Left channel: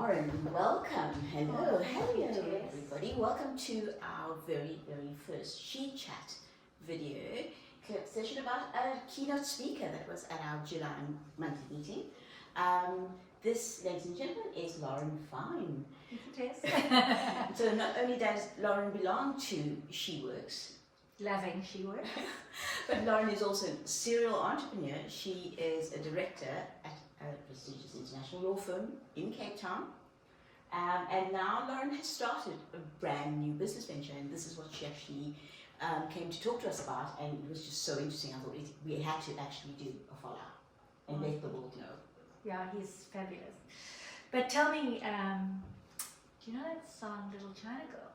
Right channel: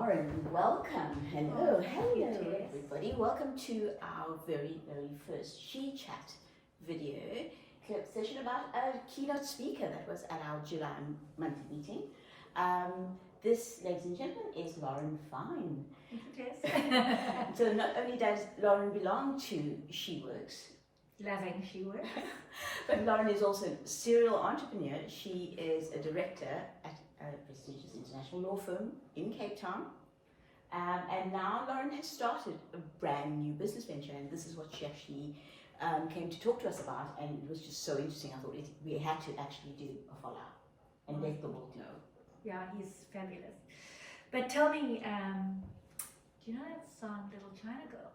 Lauren, welcome. Hello, everybody. Welcome to our very first She Chat video clip session about a keynote speaker that was at our July monthly meeting. This, ladies and gentlemen, is Lauren Fine. So not only does Lauren belong to She-worxza, Loving She-worxza, but Lauren is also a serial entrepreneur. She is a director at a prestigious international law firm in Cape Town. And now Lauren has started a brand new business venture, and this is what she actually came to talk to us about, and it was just so interesting. I thought we had to actually do a follow-up and let the world know. Yeah, he's fabulous. But tell me, do you know that song Little China Girl?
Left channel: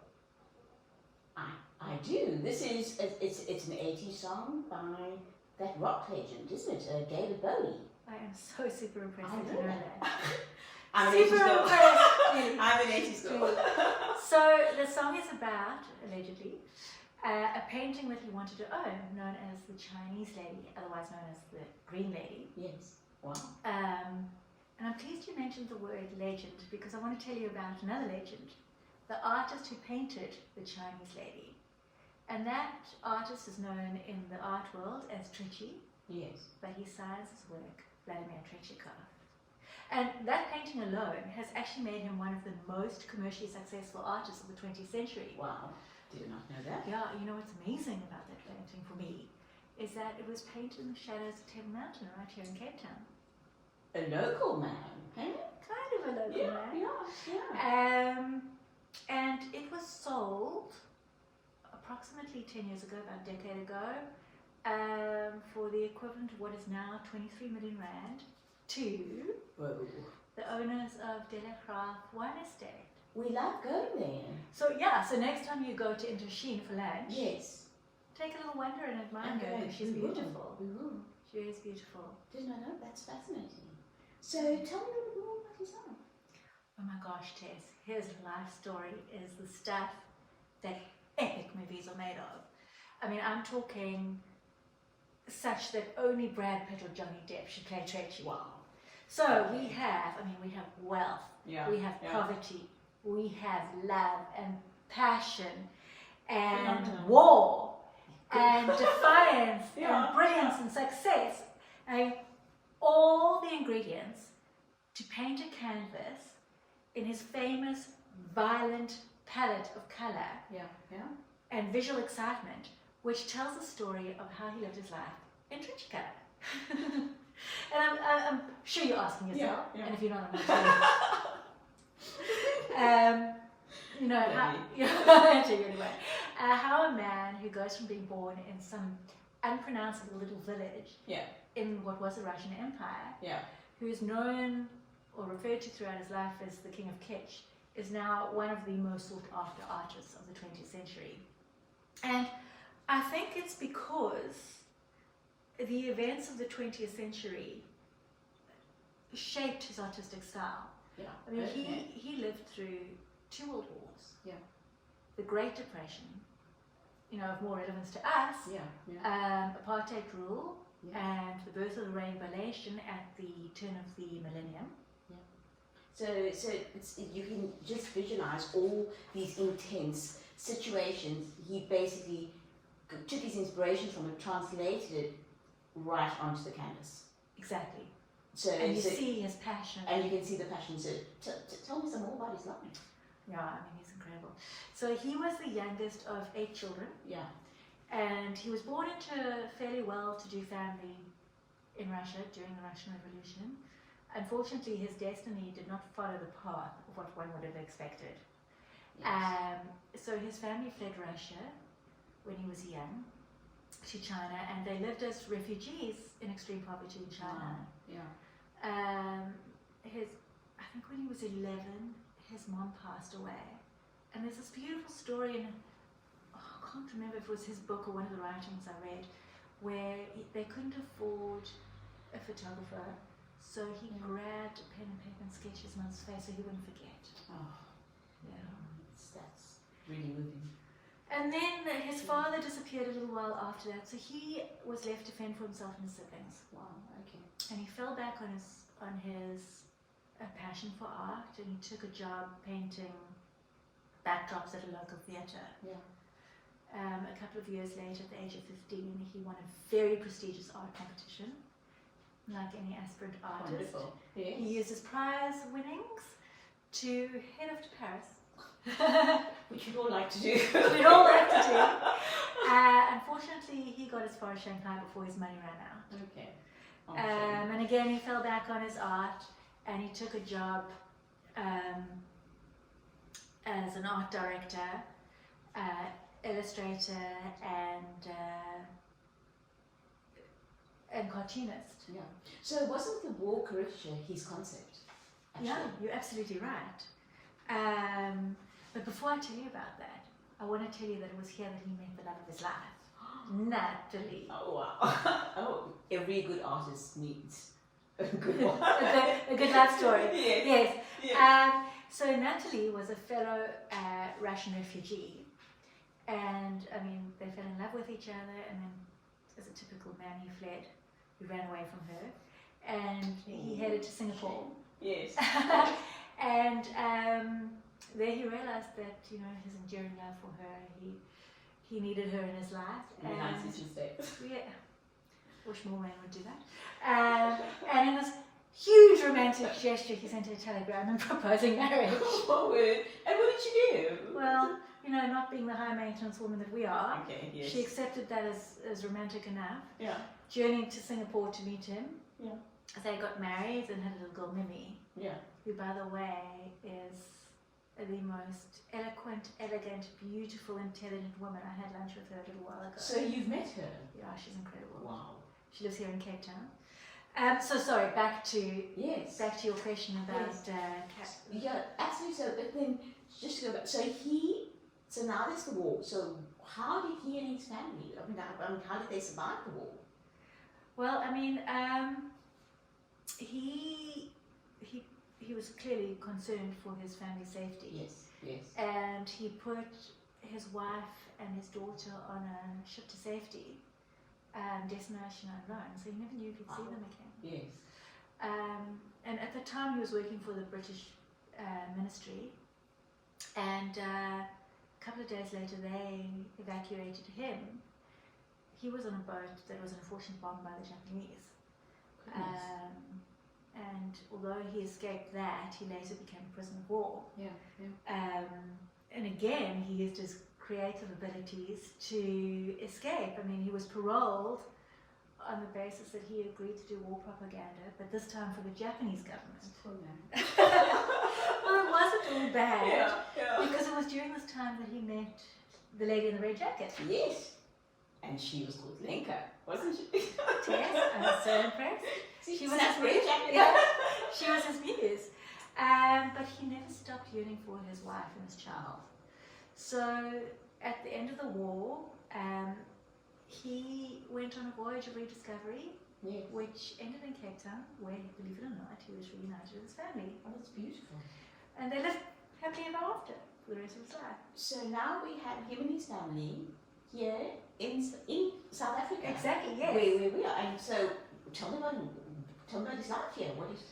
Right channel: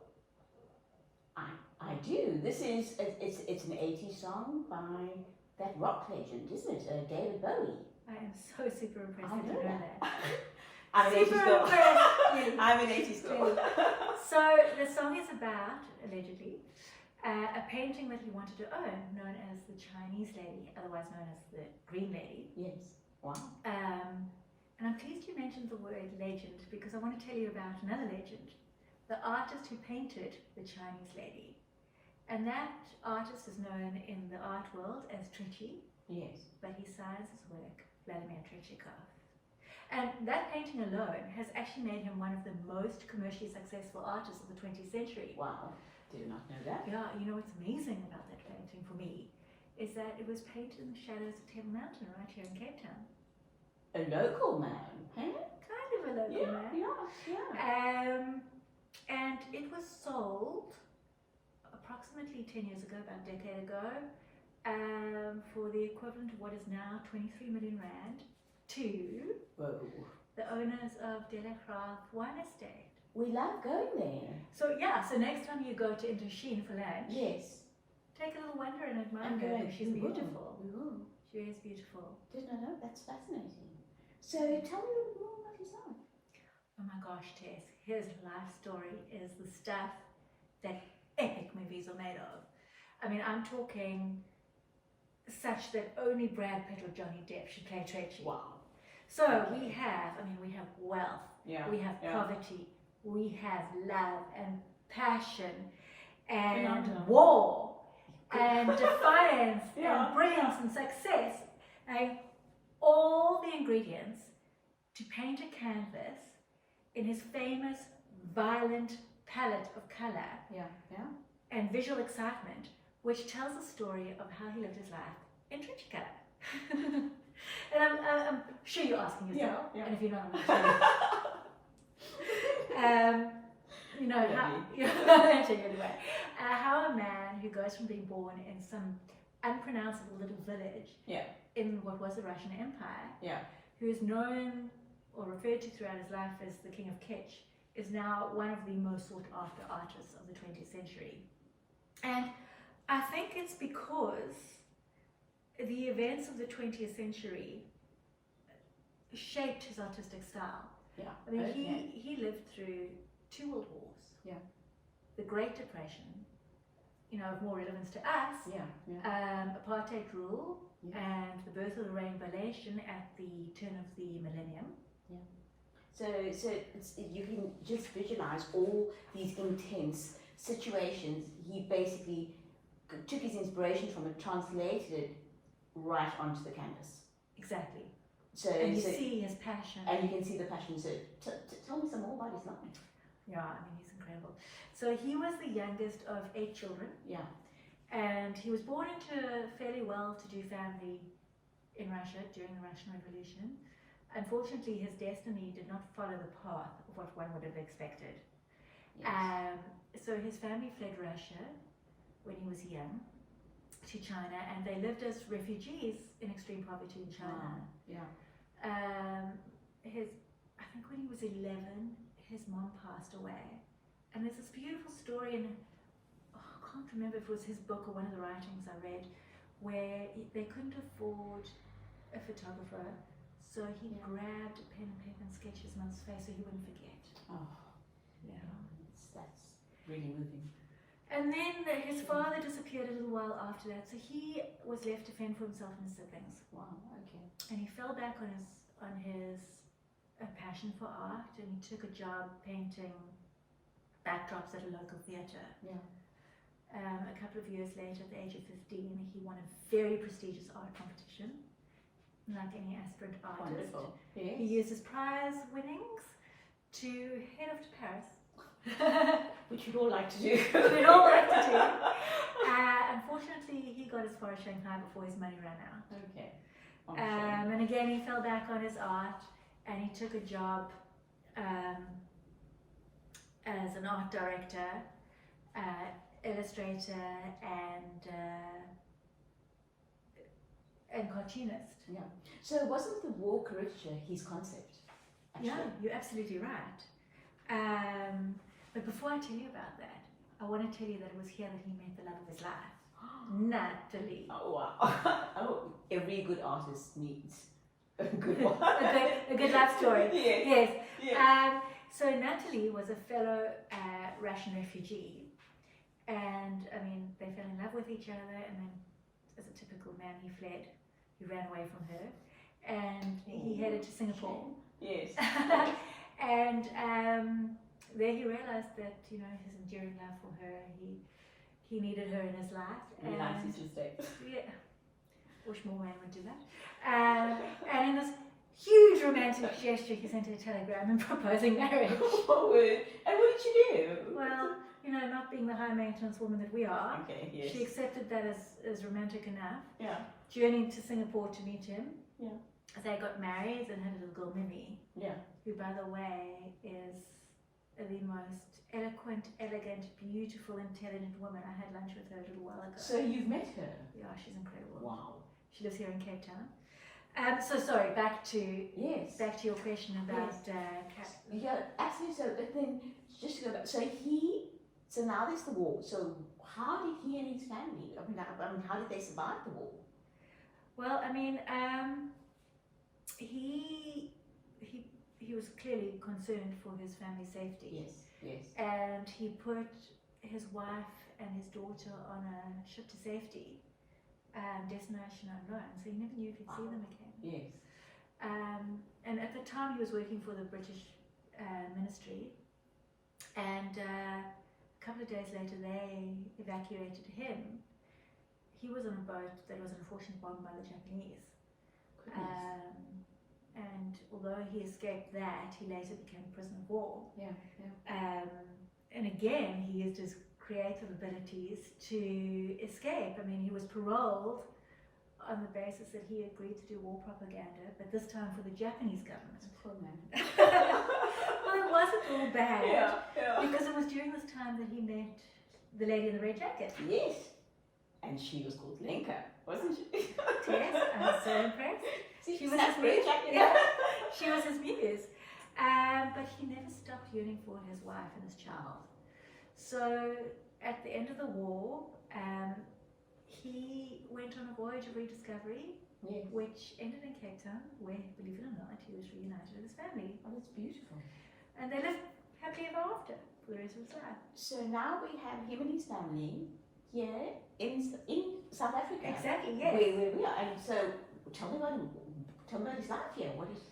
I do. This is, it's an 80s song by that rock legend, isn't it? David Bowie. I am so super impressed I that you know know that. that. I'm an Super 80s girl. impressed. I'm an 80s girl. So the song is about, allegedly, a painting that he wanted to own, known as the Chinese Lady, otherwise known as the Green Lady. Yes. Wow. And I'm pleased you mentioned the word legend, because I want to tell you about another legend, the artist who painted the Chinese Lady. And that artist is known in the art world as Tretchikoff, Yes. but he signs his work Tretchikoff. And that painting alone has actually made him one of the most commercially successful artists of the 20th century. Wow. Did not know that. Yeah, you know what's amazing about that painting for me is that it was painted in the shadows of Table Mountain right here in Cape Town. A local man, hey? Kind of a local man. Yeah. And it was sold approximately 10 years ago, about a decade ago, for the equivalent of what is now 23 million rand to Whoa. the owners of De La Graaf Wine Estate. We love going there. So yeah, so next time you go to Indochine for lunch, Yes. take a little wander and admire Okay, her, because she's we will. beautiful. We will. She is beautiful. Didn't I know? That's fascinating. So tell me a little more about yourself. Oh my gosh, Tess, his life story is the stuff that epic movies are made of. I mean, I'm talking such that only Brad Pitt or Johnny Depp should play Tretchikoff. Wow. So Okay. we have wealth, Yeah. we have poverty, we have love and passion and Phenomenal. war and defiance Yeah. and brilliance and success. And all the ingredients to paint a canvas in his famous violent palette of color Yeah. and visual excitement, which tells the story of how he lived his life in Tretchikoff. And I'm sure you're asking yourself, Yeah. and if you're not, I'm not sure. You know, I'll tell you anyway. How a man who goes from being born in some unpronounceable little village in what was the Russian Empire, who is known or referred to throughout his life as the King of Kitsch, is now one of the most sought after artists of the 20th century. And I think it's because the events of the 20th century shaped his artistic style. Yeah. I mean, he lived through 2 world wars. Yeah. The Great Depression, you know, of more relevance to us. Apartheid rule and the birth of the Rainbow Nation at the turn of the millennium. So it's, you can just visualize all these intense situations. He basically took his inspiration from it, translated it right onto the canvas. Exactly. So and you see his passion. And you can see the passion. So tell me some more about his life. Yeah, I mean, he's incredible. So he was the youngest of 8 children. Yeah. And he was born into a fairly well-to-do family in Russia during the Russian Revolution. Unfortunately, his destiny did not follow the path of what one would have expected. Yes. So his family fled Russia when he was young to China, and they lived as refugees in extreme poverty in China. I think when he was 11, his mom passed away. And there's this beautiful story in, I can't remember if it was his book or one of the writings I read, where they couldn't afford a photographer, so he grabbed a pen and paper and sketched his mother's face so he wouldn't forget. Oh, yeah. That's really moving. And then his father disappeared a little while after that, so he was left to fend for himself and his siblings. Wow, okay. And he fell back on his passion for art, and he took a job painting backdrops at a local theatre. Yeah. A couple of years later, at the age of 15, he won a very prestigious art competition, like any aspirant artist. Wonderful. Yes. He used his prize winnings to head off to Paris. Which we'd all like to do. We'd all like to do. Unfortunately, he got as far as Shanghai before his money ran out. Okay. And again, he fell back on his art, and he took a job as an art director, illustrator, and cartoonist. Yeah. So wasn't the war caricature his concept? Actually? Yeah, you're absolutely right. But before I tell you about that, I want to tell you that it was here that he met the love of his life, Natalie. Oh wow! Oh, every good artist needs a good one. a good love story. Yes. Yes. So Natalie was a fellow Russian refugee, and I mean they fell in love with each other, and then, as a typical man, he fled. He ran away from her, and he headed to Singapore. Yes. And there he realized that, you know, his enduring love for her, he needed her in his life. Really nice you should say. Yeah. Wish more men would do that. And in this huge romantic gesture, he sent her a telegram and proposing marriage. Oh, word. And what did she do? Well, you know, not being the high maintenance woman that we are, okay, yes. she accepted that as romantic enough. Yeah. Journeyed to Singapore to meet him. Yeah. They got married and had a little girl, Mimi. Yeah. Who, by the way, is the most eloquent, elegant, beautiful, intelligent woman. I had lunch with her a little while ago. So you've met her? Yeah, she's incredible. Wow. She lives here in Cape Town. So sorry, back to your question about yeah, absolutely. So, but then just to go back. So now there's the war. So how did he and his family? I mean, how did they survive the war? Well, I mean, he was clearly concerned for his family's safety. Yes, yes. And he put his wife and his daughter on a ship to safety, destination unknown, so he never knew if he'd see them again. Yes. And at the time he was working for the British ministry, and a couple of days later they evacuated him. He was on a boat that was unfortunately bombed by the Japanese. And although he escaped that, he later became a prisoner of war. Yeah. And again, he used his creative abilities to escape. I mean, he was paroled on the basis that he agreed to do war propaganda, but this time for the Japanese government. Cool, man. Well, it wasn't all bad, yeah. because it was during this time that he met the lady in the red jacket. Yes. And she was called Lenka, wasn't she? Yes, I was so impressed. She was his muse. Yeah, she was his muse. But he never stopped yearning for his wife and his child. So at the end of the war, he went on a voyage of rediscovery, which ended in Cape Town, where, believe it or not, he was reunited with his family. Oh, that's beautiful. And they lived happily ever after for the rest of his life. So now we have him and his family here in South Africa. Exactly, yes. Where we are. And so tell me about his life here. What's his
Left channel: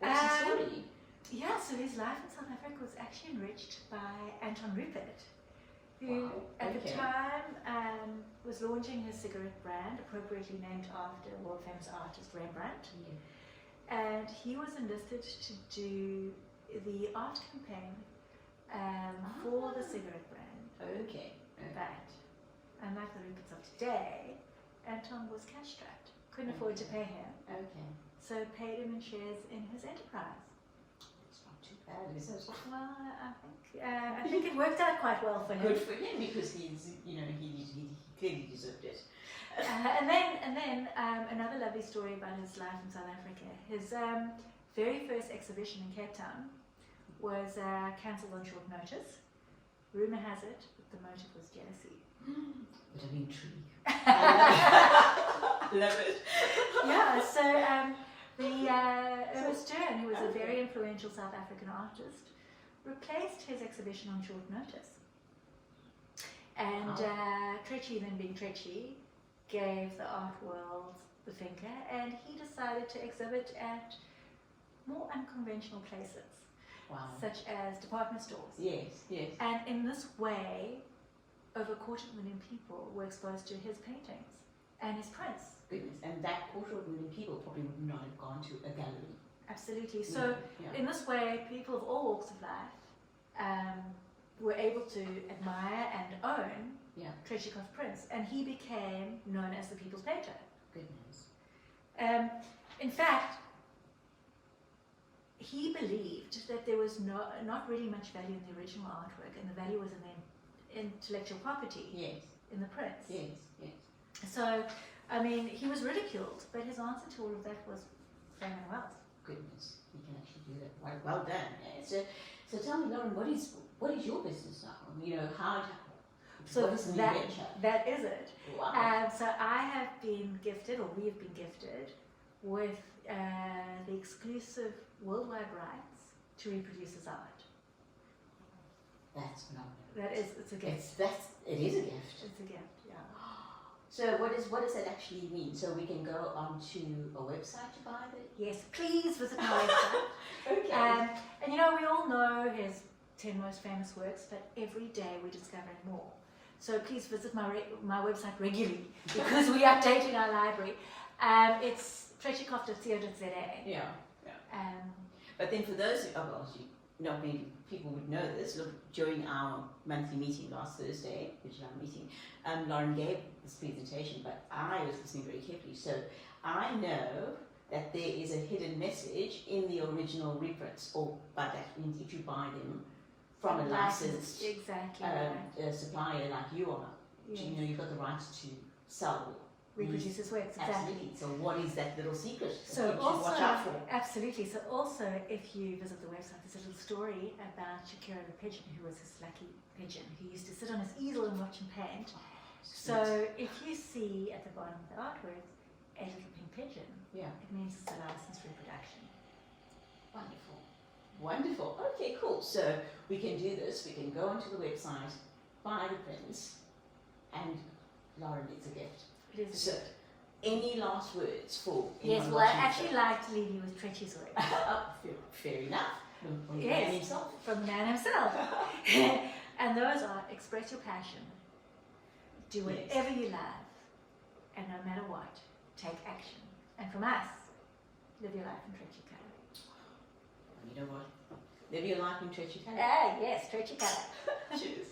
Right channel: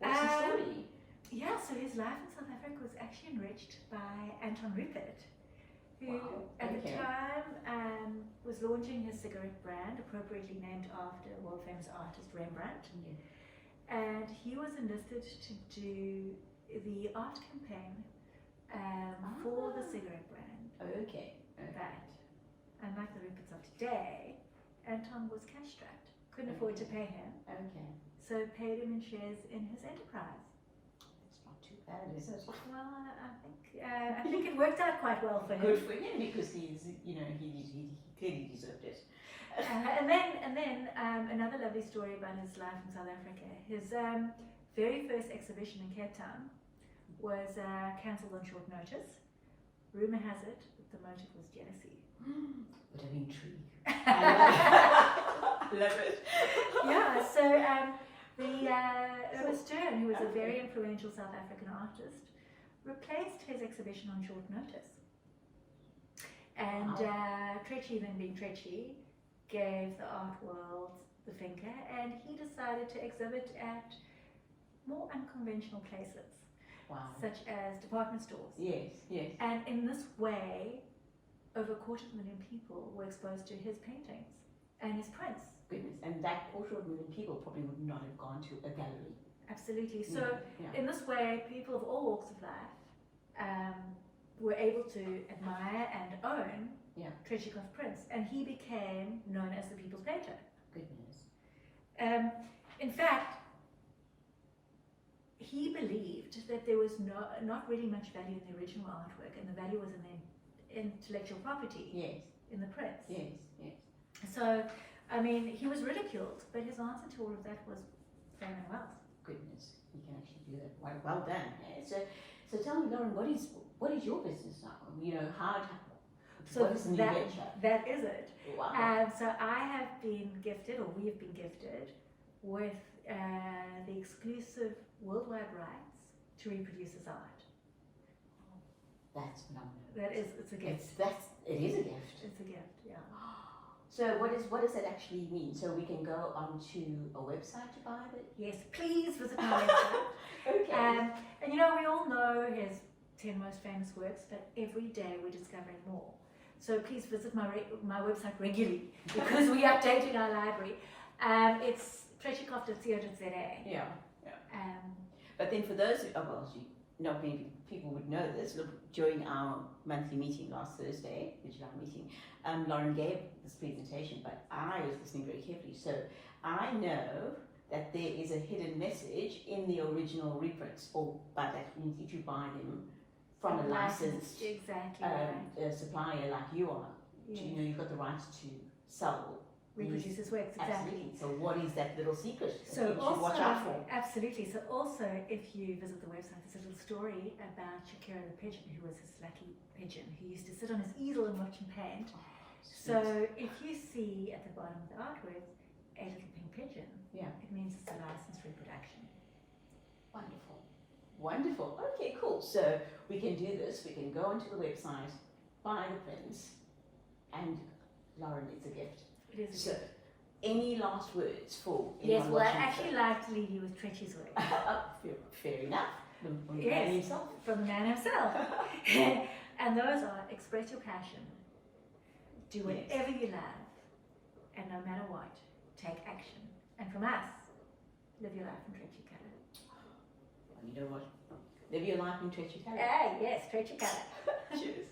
story? Yeah, so his life in South Africa was actually enriched by Anton Rupert, who at the time was launching his cigarette brand, appropriately named after world-famous artist Rembrandt. Yeah. And he was enlisted to do the art campaign for the cigarette brand. Okay. But unlike the Ruperts of today, Anton was cash-strapped, couldn't afford to pay him. Okay. So paid him in shares in his enterprise. It's not too bad, is it? Well, I think it worked out quite well for him. Good for him, because he clearly deserved it. And then another lovely story about his life in South Africa. His very first exhibition in Cape Town was cancelled on short notice. Rumour has it that the motive was jealousy. Bit of intrigue. I love it. Yeah, so Ernest Stern, who was a very influential South African artist, replaced his exhibition on short notice. And Tretchikoff, then being Tretchikoff, gave the art world the finger, and he decided to exhibit at more unconventional places. Wow. Such as department stores. Yes, yes. And in this way, over 250,000 people were exposed to his paintings and his prints. Goodness, and that 250,000 people probably would not have gone to a gallery. Absolutely. So yeah. in this way, people of all walks of life were able to admire and own Tretchikoff prints, and he became known as the people's painter. Goodness. In fact, he believed that there was not really much value in the original artwork, and the value was in the intellectual property in the prints. Yes, yes. So, I mean, he was ridiculed, but his answer to all of that was fame and wealth. Goodness, he can actually do that. Well done. Yeah. So tell me, Lauren, what is your business now? You know, what is the new venture? That is it. Wow. So I have been gifted, or we have been gifted, with the exclusive worldwide rights to reproduce his art. That's phenomenal. It's a gift. It is a gift. It's a gift, yeah. So what does that actually mean? So we can go onto a website to buy it? Yes, please visit my website. Okay. And you know, we all know his 10 most famous works, but every day we're discovering more. So please visit my website regularly, because we're updating our library. It's tretchikoff.co.za. Yeah. But then for those, not many people would know this, look, during our monthly meeting last Thursday, the July meeting, Lauren gave this presentation, but I was listening very carefully. So I know that there is a hidden message in the original reprints, but that means if you buy them from a licensed supplier like you are, you know, you've got the right to sell. Reproduce his works, exactly. Absolutely. So what is that little secret that so people should watch out for? Absolutely. So also, if you visit the website, there's a little story about Shakira the pigeon, who was this lucky pigeon who used to sit on his easel and watch him paint. So if you see at the bottom of the artwork a little pink pigeon, it means it's a licensed reproduction. Wonderful. Wonderful. Okay, cool. So we can do this. We can go onto the website, buy the prints, and Lauren, it's a gift. It is. So, any last words for anyone? Yes, well, I actually like to leave you with Tretch's work. Fair enough. From the man himself. From the man himself. And those are: express your passion, do whatever you love, and no matter what, take action. And from us, live your life in Tretchikoff. You know what? Live your life in Tretchikoff. Yes, Tretchikoff. Cheers.